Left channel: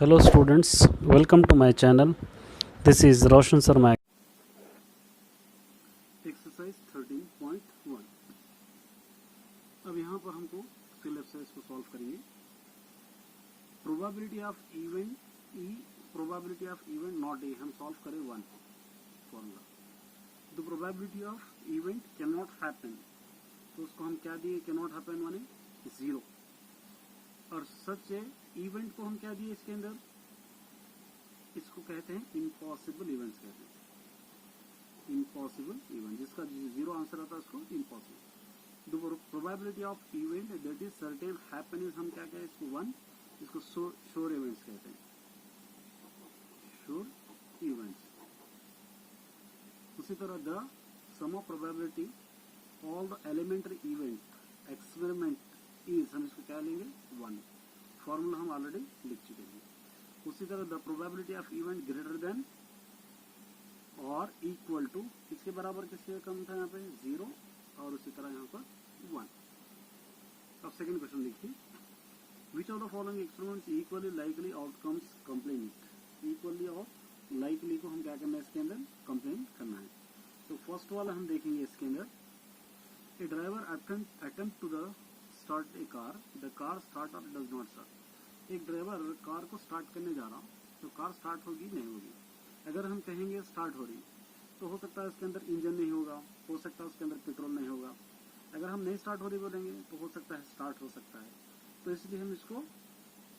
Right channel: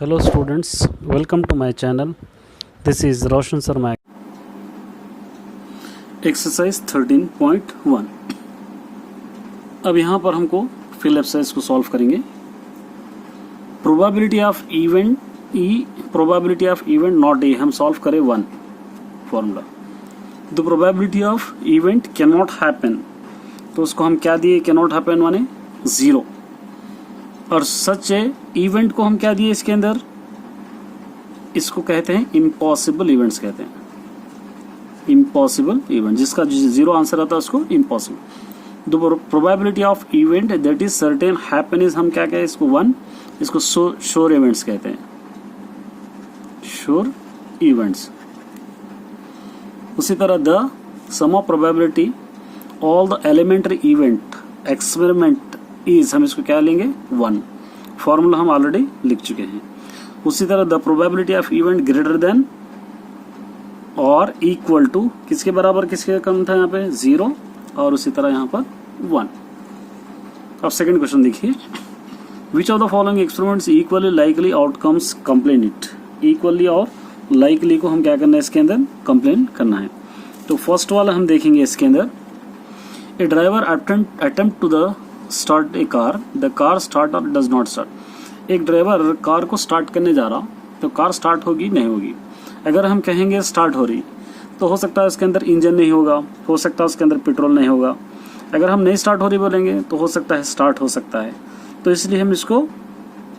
Hello students, welcome to my channel. This is Roshan Sharma. Exercise 13.1. अब यहाँ पर हमको फिल एक्सरसाइज को सॉल्व करेंगे. Probability of event E, probability of event not a, हम solve करें 1 formula. The probability of event can not happen, तो उसको हम क्या दिए, कैन नॉट हैपन माने 0. और सच है इवेंट को हम क्या दिए इसके अंदर, इसको कहते हैं इम्पॉसिबल इवेंट्स कहते हैं. इम्पॉसिबल इवेंट जिसका 0 आंसर आता है उसको impossible. The probability of event that is certain happen is, हम क्या कहते हैं इसको 1, इसको श्योर इवेंट्स कहते हैं, श्योर इवेंट्स. उसी तरह the sum of probability all the elementary event experiment is, हम इसको क्या लेंगे 1. फॉर्मूला हम ऑलरेडी लिख चुके हैं. उसी तरह the probability of event greater than और इक्वल टू, किसके बराबर किसके कम था यहाँ पे 0, और उसी तरह यहाँ पर 1. अब सेकंड क्वेश्चन देखिए. Which of the following experiments equally likely outcomes complain it. Equally और लाइकली को हम क्या करना है इसके अंदर, कंप्लेन करना है. तो फर्स्ट वाला हम देखेंगे इसके अंदर. A driver attempt to the start a car, the car start or does not start. एक ड्राइवर कार को स्टार्ट करने जा रहा तो कार स्टार्ट होगी नहीं होगी. अगर हम कहेंगे स्टार्ट हो रही तो हो सकता है उसके अंदर इंजन नहीं होगा, हो सकता है उसके अंदर पेट्रोल नहीं होगा. अगर हम नहीं स्टार्ट हो रही बोलेंगे तो हो सकता है स्टार्ट हो सकता है. तो इसलिए हम इसको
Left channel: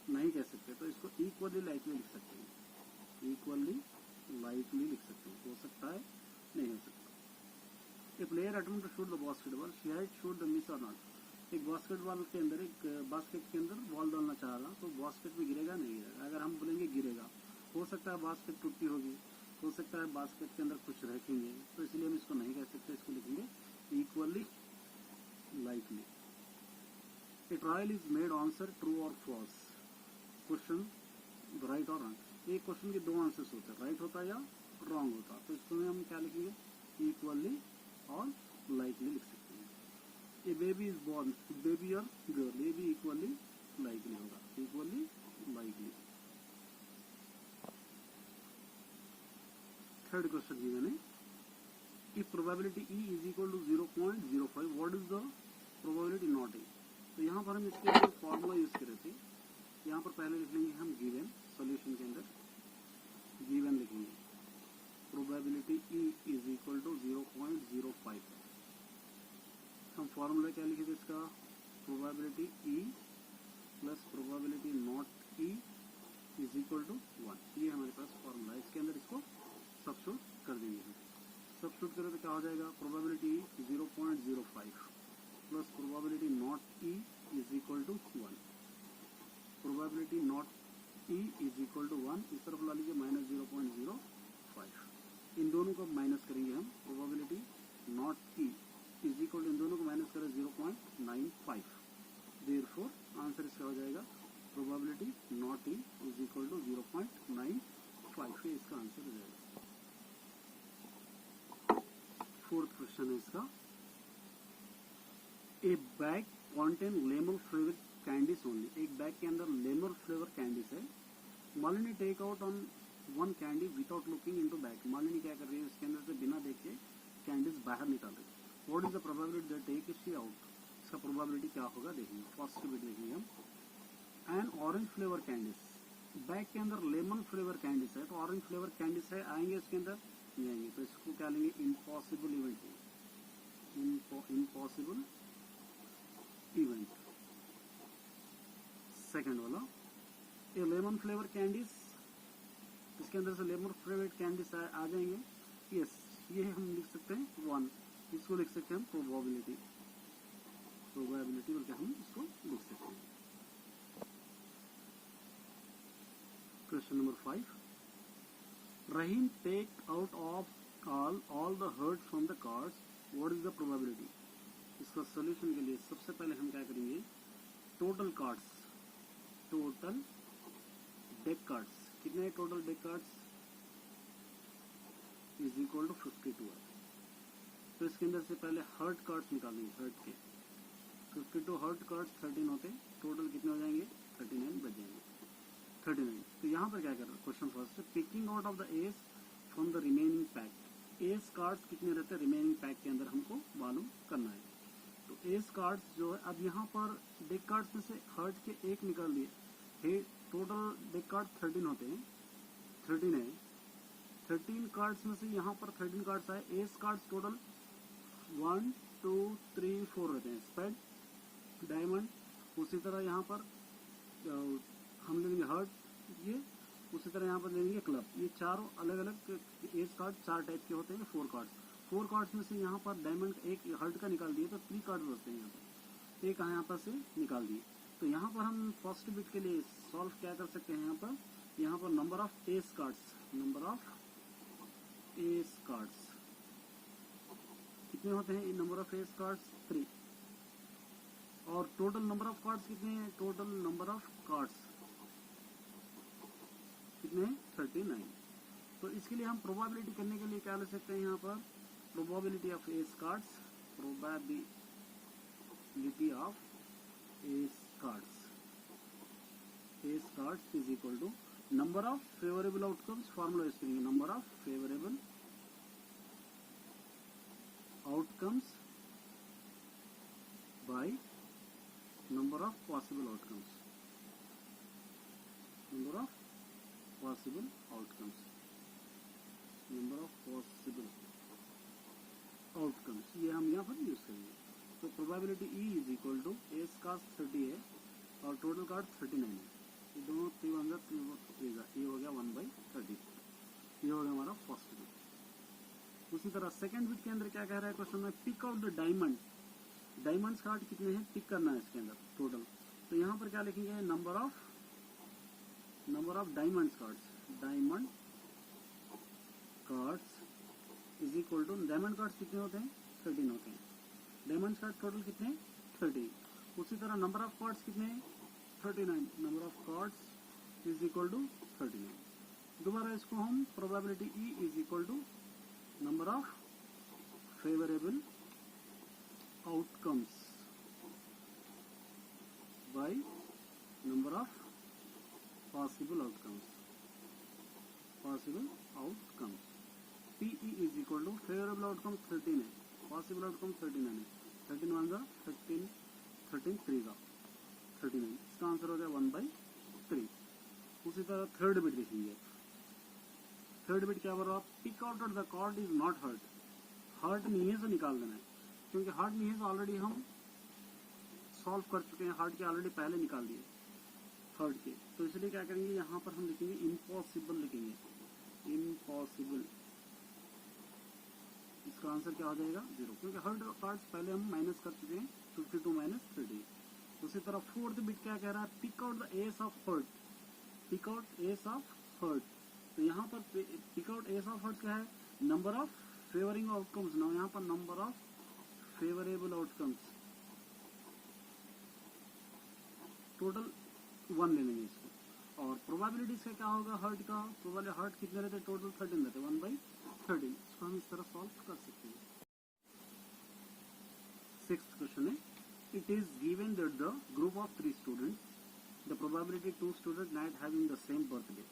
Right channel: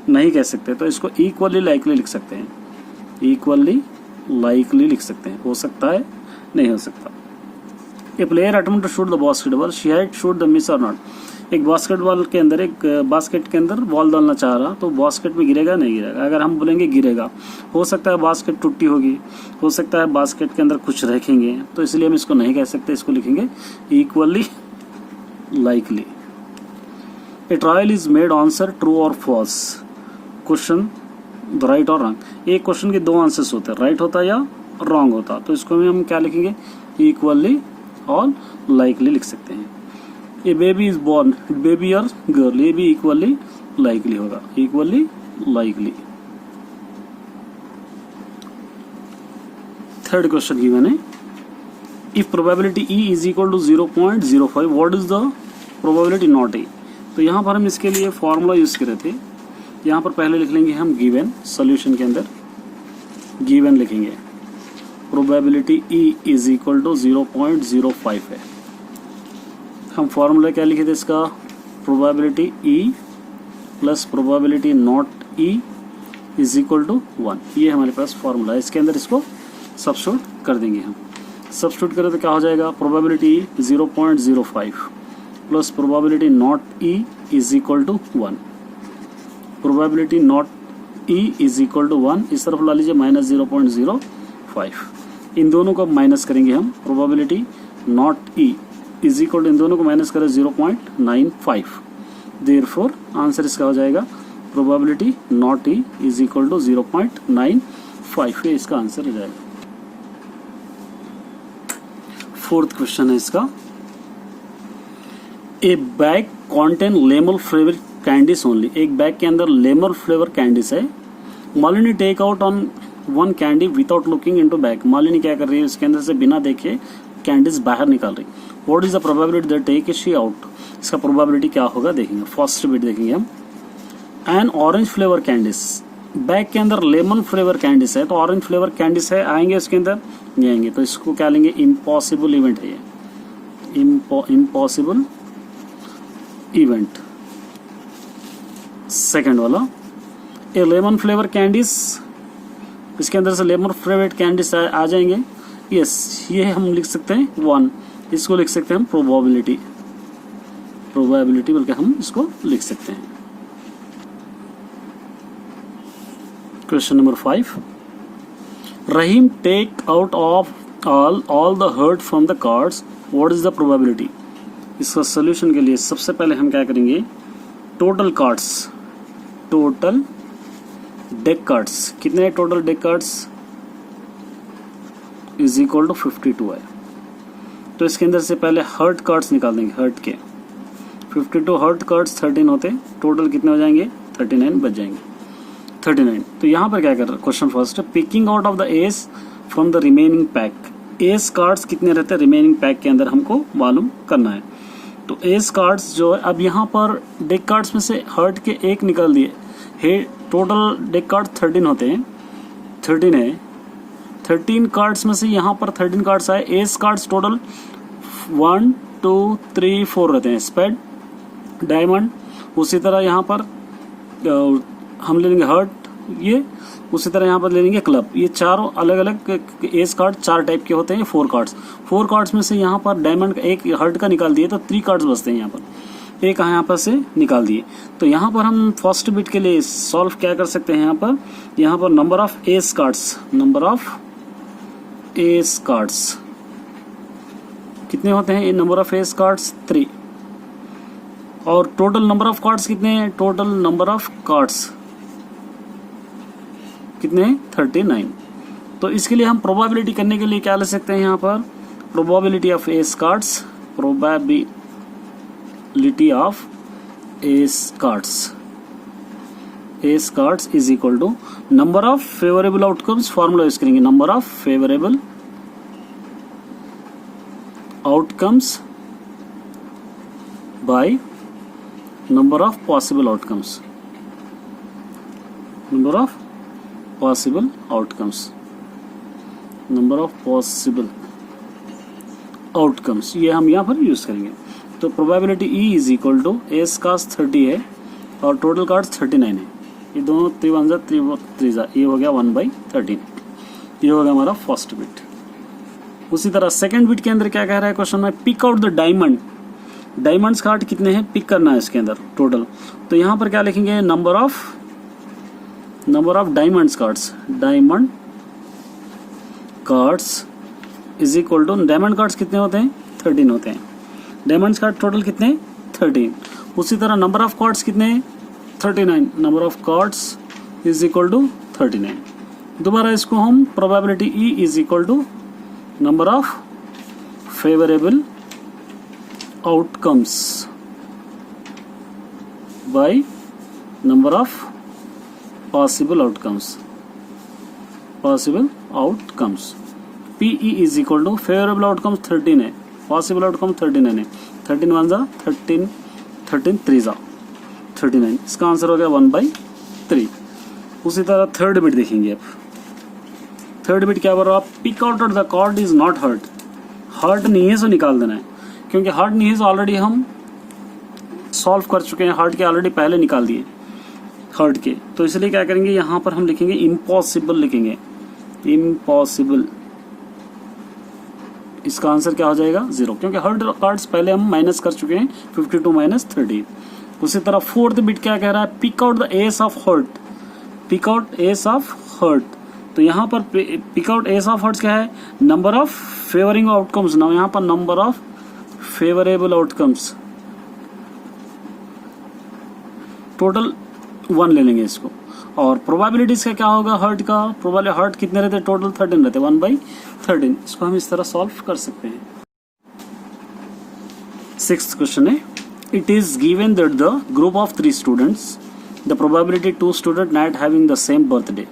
नहीं कह सकते, तो इसको इक्वली लाइकली लिख सकते हैं. इक्वली लाइकली लिख सकते हैं, हो सकता है नहीं हो सकता. A player attempt to shoot the basketball, she had shoot the miss or not. एक बास्केटबॉल के अंदर, एक बास्केट के अंदर बॉल डालना चाह रहा तो बास्केट में गिरेगा नहीं गिरेगा. अगर हम बोलेंगे गिरेगा, हो सकता है बास्केट टूटी होगी, हो सकता है बास्केट के अंदर कुछ रखेंगे, तो इसलिए हम इसको नहीं कह सकते, इसको लिखेंगे equally likely. A trial is made answer true और फॉल्स. क्वेश्चन द राइट और रॉन्ग. एक क्वेश्चन के 2 आंसर्स होते हैं, राइट होता या रॉन्ग होता, तो इसको हम क्या लिखेंगे, इक्वली और लाइकली लिख सकते हैं. A baby is born, baby और गर्ल, ये भी इक्वली लाइकली होगा, इक्वली लाइकली. थर्ड क्वेश्चन की मैंने, if probability E is equal to 0.05, what is the probability not A. तो यहाँ पर हम इसके लिए फॉर्मूला यूज करे थे. यहाँ पर पहले लिख लेंगे हम गिवन, सॉल्यूशन के अंदर गिवन लिखेंगे. Probability E is equal to 0.05 है. हम फॉर्मूला क्या लिखे थे इसका, probability E plus probability not E is equal to 1. ये हमारे पास फॉर्मूला है. इसके अंदर इसको सब्स्टिट्यूट कर देंगे हम. सब्स्टिट्यूट करें तो क्या हो जाएगा, probability E 0.05 plus probability not E is equal to 1. Probability not E is equal to 1, इस तरफ ला लीजिए -0.05. इन दोनों को माइनस करेंगे हम. Probability not E is equal to, इन दोनों को माइनस करें 0.95. देयरफॉर आंसर इसका हो जाएगा probability not E is equal to 0.95. ये इसका आंसर हो जाएगा. फोर्थ क्वेश्चन है इसका. A bag contain lemon flavour candies only. एक बैग के अंदर लेमन फ्लेवर कैंडीज है. Malini take out on 1 candy without looking into bag. Malini क्या कर रही है, इसके अंदर से बिना देखे कैंडीज बाहर निकाल रही. What is the probability that take she out. इसका प्रोबेबिलिटी क्या होगा देखेंगे. फर्स्ट बिट देखेंगे हम. An orange flavour candies. Bag के अंदर लेमन फ्लेवर कैंडीज है, तो ऑरेंज फ्लेवर कैंडीज है, आएंगे इसके अंदर नहीं आएंगे, तो इसको क्या लेंगे, इम्पॉसिबल इवेंट है ये, इम्पॉसिबल इवेंट. सेकेंड वाला, ए लेमन फ्लेवर कैंडीज, इसके अंदर से लेमन फ्लेवर कैंडीज आ जाएंगे. यस, ये हम लिख सकते हैं 1. इसको लिख सकते हैं हम प्रोबेबिलिटी, प्रोबेबिलिटी बल्कि हम इसको लिख सकते हैं. Question number 5. Rahim take out of all the heart from the cards, what is the probability. इसका सोल्यूशन के लिए सबसे पहले हम क्या करेंगे, total cards, total deck cards, कितने हैं total deck cards, is equal to 52 है. तो इसके अंदर से पहले हर्ट कार्ड्स निकाल देंगे. हर्ट के 52 हर्ट कार्ड्स 13 होते, टोटल कितने हो जाएंगे, 39 बच जाएंगे. 39। तो यहाँ पर क्या कर रहे हैं, question first, picking out of the S from the remaining pack. S cards कितने रहते हैं रिमेनिंग पैक के अंदर, हमको मालूम करना है। तो एस कार्ड्स जो है, अब यहाँ पर डेक कार्ड्स में से हर्ट के एक निकाल दिए है, टोटल डेक कार्ड 13 होते हैं, 13 है। 13 कार्ड्स में से यहाँ पर 13 कार्ड्स आए, एस कार्ड्स टोटल 1 2 3 4 रहते हैं, स्पेड, डायमंड, उसी तरह यहाँ पर हम ले लेंगे हर्ट, ये उसी तरह यहाँ पर ले लेंगे क्लब। ये चारों अलग अलग एस कार्ड 4 टाइप के होते हैं, 4 कार्ड्स में से यहाँ पर डायमंड का एक, हर्ट का निकाल दिए तो 3 कार्ड्स बचते हैं यहाँ पर, एक यहाँ पर से निकाल दिए। तो यहाँ पर हम फर्स्ट बिट के लिए सॉल्व क्या कर सकते हैं, यहाँ पर नंबर ऑफ एस कार्ड्स कितने होते हैं, नंबर ऑफ एस कार्ड्स 3, और टोटल नंबर ऑफ कार्ड्स कितने हैं, टोटल नंबर ऑफ कार्ड्स कितने हैं 39। तो इसके लिए हम प्रोबेबिलिटी करने के लिए क्या ले सकते हैं, यहाँ पर probability of ace cards, probability of ace cards is equal to number of favourable outcomes, formula use करेंगे, number of favourable outcomes by number of possible outcomes, number of possible outcomes, ये हम यहाँ पर यूज करेंगे। तो probability E is equal to ace cards 30 है और total cards 39 है, ये दोनों 3 ये हो गया 1/13, ये हो गया हमारा फर्स्ट बिट। उसी तरह सेकंड बिट के अंदर क्या कह रहा है क्वेश्चन में, pick out the diamonds card कितने हैं पिक करना है इसके अंदर टोटल। तो यहाँ पर क्या लिखेंगे, number of diamond cards is equal to, diamond cards कितने होते हैं 13 होते हैं, डायमंड्स कार्ड टोटल कितने 13। उसी तरह नंबर ऑफ कार्ड्स कितने 39, number of cards is equal to 39। दोबारा इसको हम probability E is equal to number of favourable outcomes by number of possible outcomes, PE is equal to favourable outcomes 13 है, possible outcome 39 है, 13 1 जा 13, 13 3 जा 39, इसका answer हो गया 1/3। उसी तरह थर्ड बिट देखेंगे। अब थर्ड बिट क्या बोल रहा है, pick out the card is not heart नहीं है सो निकाल देना है, क्योंकि हर्ट नहीं है सो ऑलरेडी हम सॉल्व कर चुके हैं, हर्ट के ऑलरेडी पहले निकाल दिए हर्ट के, तो इसलिए क्या करेंगे, यहाँ पर हम लिखेंगे इम्पॉसिबल, लिखेंगे इम्पॉसिबल, इसका आंसर क्या हो जाएगा 0, क्योंकि हर्ट कार्ड्स पहले हम माइनस कर चुके हैं 52 माइनस 30। उसी तरह फोर्थ बिट क्या कह रहा है, pick out the ace of heart, तो यहाँ पर pick out ace of heart क्या है, नंबर ऑफ फेवरिंग आउटकम्स, ना यहाँ पर number of favourable outcomes, total 1 ले लेंगे इसको। और प्रोबेबिलिटीज का क्या होगा, हर्ट का प्रोबेबिलिटी, हर्ट कितने रहते हैं टोटल 13 रहते हैं, 1/13, इसको हम इस तरह सॉल्व कर सकते हैं। 6th क्वेश्चन है, it is given that the group of 3 students, the probability 2 student not having the same birthday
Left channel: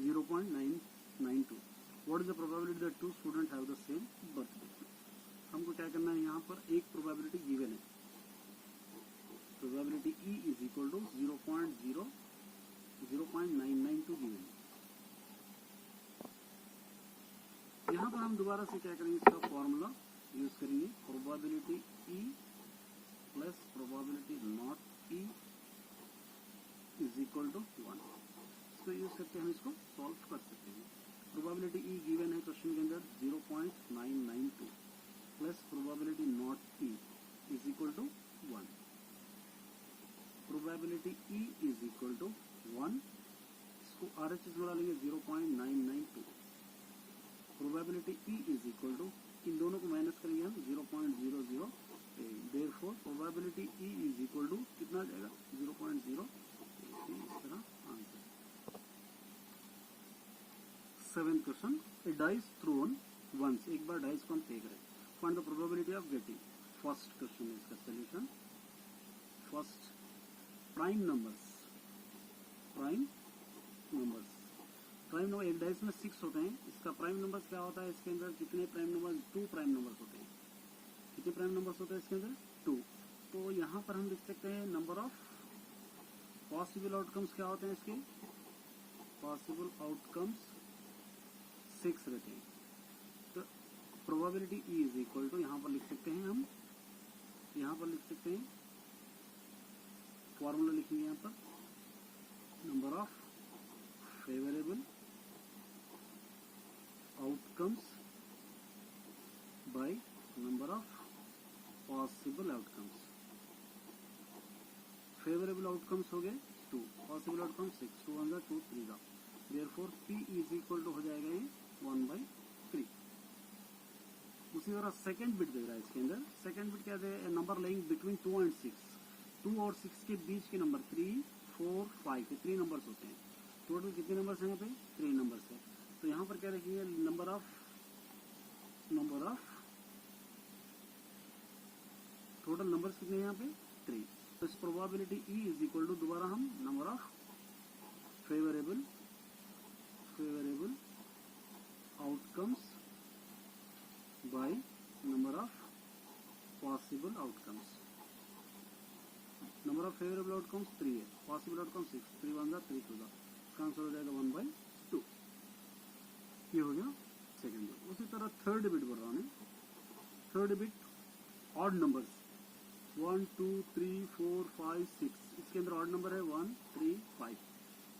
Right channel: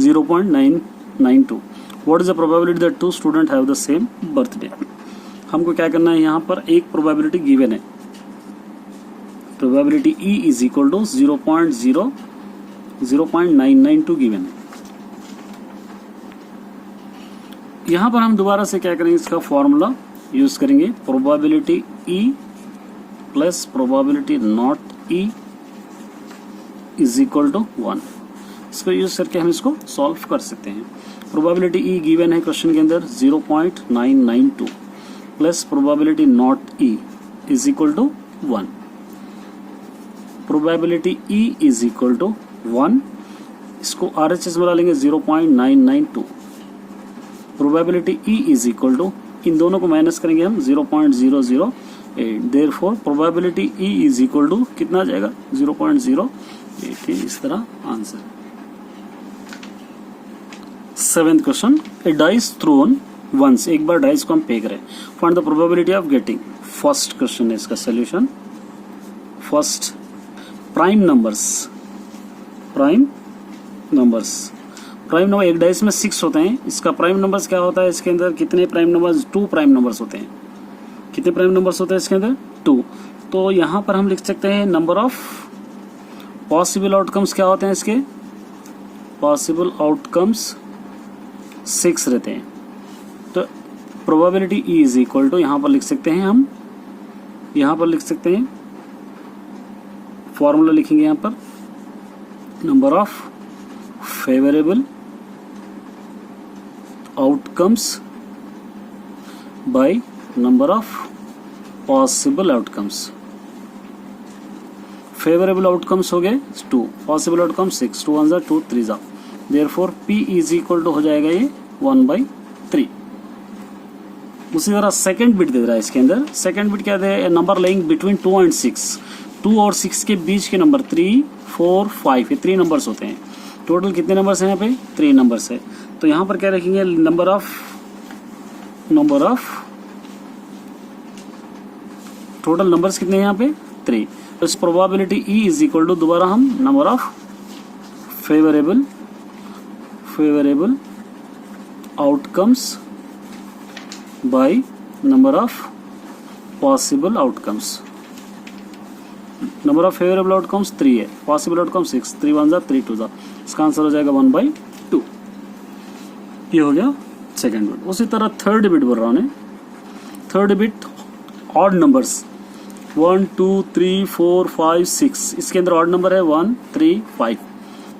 0.992, what is the probability that 2 student have the same birthday. हमको क्या करना है, यहाँ पर एक प्रोबेबिलिटी गिवन है, probability E is equal to 0.992 given है। यहाँ पर हम दोबारा से क्या करेंगे, इसका फॉर्मूला यूज करेंगे, probability E plus probability not E is equal to 1, इसको यूज करके हम इसको सॉल्व कर सकते हैं। प्रोबेबिलिटी E गिवन है क्वेश्चन के अंदर 0.992 plus probability not E is equal to 1, probability E is equal to 1, इसको RHS में डालेंगे 0.992, probability E is equal to, इन दोनों को माइनस करेंगे हम 0.008, therefore probability E is equal to कितना आ जाएगा 0.08, इस तरह answer. 7th question, a dice thrown once, एक बार डाइस को हम फेंक रहे हैं, find the probability of getting. First question है इसका solution, first prime numbers. Prime number एक डाइस में 6 होते हैं, इसका प्राइम नंबर्स क्या होता है, इसके अंदर कितने प्राइम नंबर्स, 2 प्राइम नंबर्स होते हैं। कितने प्राइम नंबर्स होते हैं इसके अंदर, 2। तो यहाँ पर हम लिख सकते हैं नंबर ऑफ पॉसिबल आउटकम्स क्या होते हैं इसके, पॉसिबल आउटकम्स 6 रहते हैं। तो probability E is equal to, यहाँ पर लिख सकते हैं हम, यहाँ पर लिख सकते हैं फॉर्मूला लिखेंगे यहाँ पर, number of favourable outcomes by number of possible outcomes. Favourable outcomes हो गए 2, पॉसिबल आउटकम 6, 2 1 2 3 जा, therefore P is equal to हो जाएगा ये 1/3। उसी तरह सेकंड बिट दे रहा है इसके अंदर, सेकंड बिट क्या दे, नंबर लेइंग बिटवीन 2 and 6, 2 और 6 के बीच के नंबर 3 4 5, ये 3 नंबर्स होते हैं। टोटल कितने नंबर्स हैं यहाँ पे, 3 नंबर्स है। तो यहाँ पर क्या रखेंगे, नंबर ऑफ टोटल नंबर्स कितने हैं यहाँ पे, 3। तो इस probability E is equal to, दोबारा हम number of favourable outcomes by number of possible outcomes. Number of favourable outcomes 3 है, पॉसिबल आउटकम 6, 3 1 जा 3 2 जा, इसका आंसर हो जाएगा 1/2। ये हो गया सेकंड बिट। उसी तरह थर्ड बिट बोल रहा हूँ, थर्ड बिट ऑड नंबर्स 1 2 3 4 5 6, इसके अंदर ऑड नंबर है 1 3 5।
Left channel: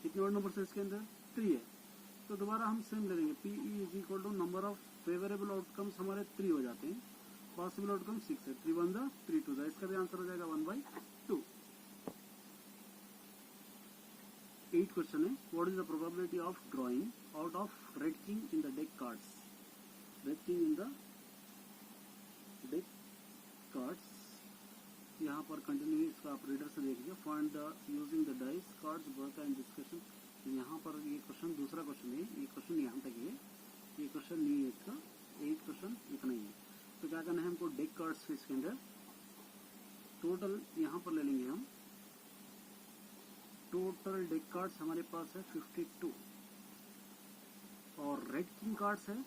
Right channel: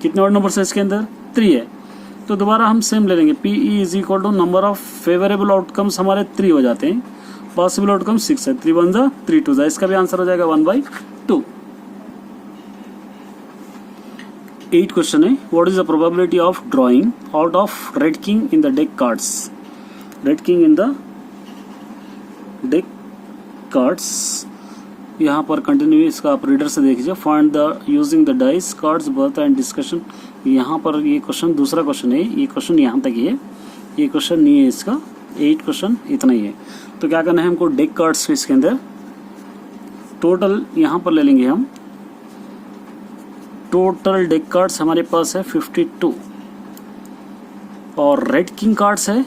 कितने ऑड नंबर्स है इसके अंदर, 3 है। तो दोबारा हम सेम ले लेंगे, P E is equal to number of favourable outcomes हमारे 3 हो जाते हैं, पॉसिबल आउटकम 6 है, 3 1 जा 3 2 जा, इसका भी आंसर हो जाएगा 1/2। 8 क्वेश्चन है, what is the probability of drawing out of red king in the deck cards. Red king in the deck cards, यहाँ पर कंटिन्यू इसका आप रीडर से देखिए। Find the using the dice cards birth and discussion. यहाँ पर ये question दूसरा क्वेश्चन है, ये क्वेश्चन यहाँ तक ही है, ये क्वेश्चन नहीं है इसका। 8 क्वेश्चन इतना ही है। तो क्या करना है हमको, डेक कार्ड्स इसके अंदर टोटल यहाँ पर ले लेंगे हम, टोटल डेक कार्ड्स हमारे पास है 52 और रेड किंग कार्ड्स है,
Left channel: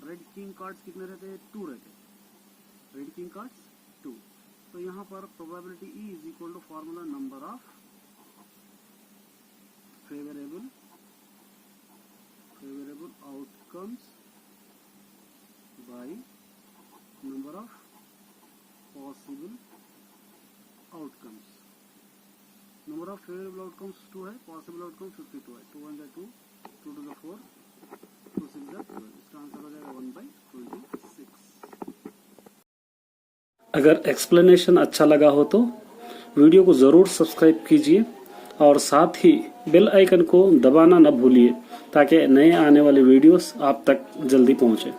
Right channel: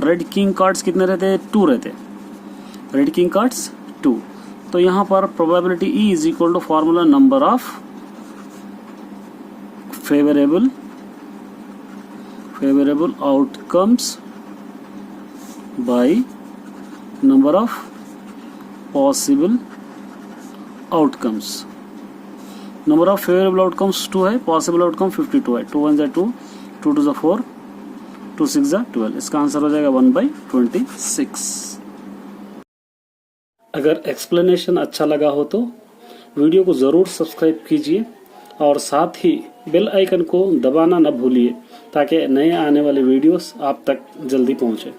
रेड किंग कार्ड्स कितने रहते हैं, 2 रहते हैं, रेड किंग कार्ड्स 2। तो यहाँ पर probability E is equal to formula number of favourable outcomes by number of possible outcomes. Number of favourable outcomes 2 है, पॉसिबल आउटकम 52 है, 2 1 जा 2, 2 2 जा 4, 2 6 जा 12, इसका आंसर हो जाएगा 1/26। अगर एक्सप्लेनेशन अच्छा लगा हो तो वीडियो को ज़रूर सब्सक्राइब कीजिए और साथ ही बेल आइकन को दबाना न भूलिए ताकि नए आने वाले वीडियोस आप तक जल्दी पहुंचे।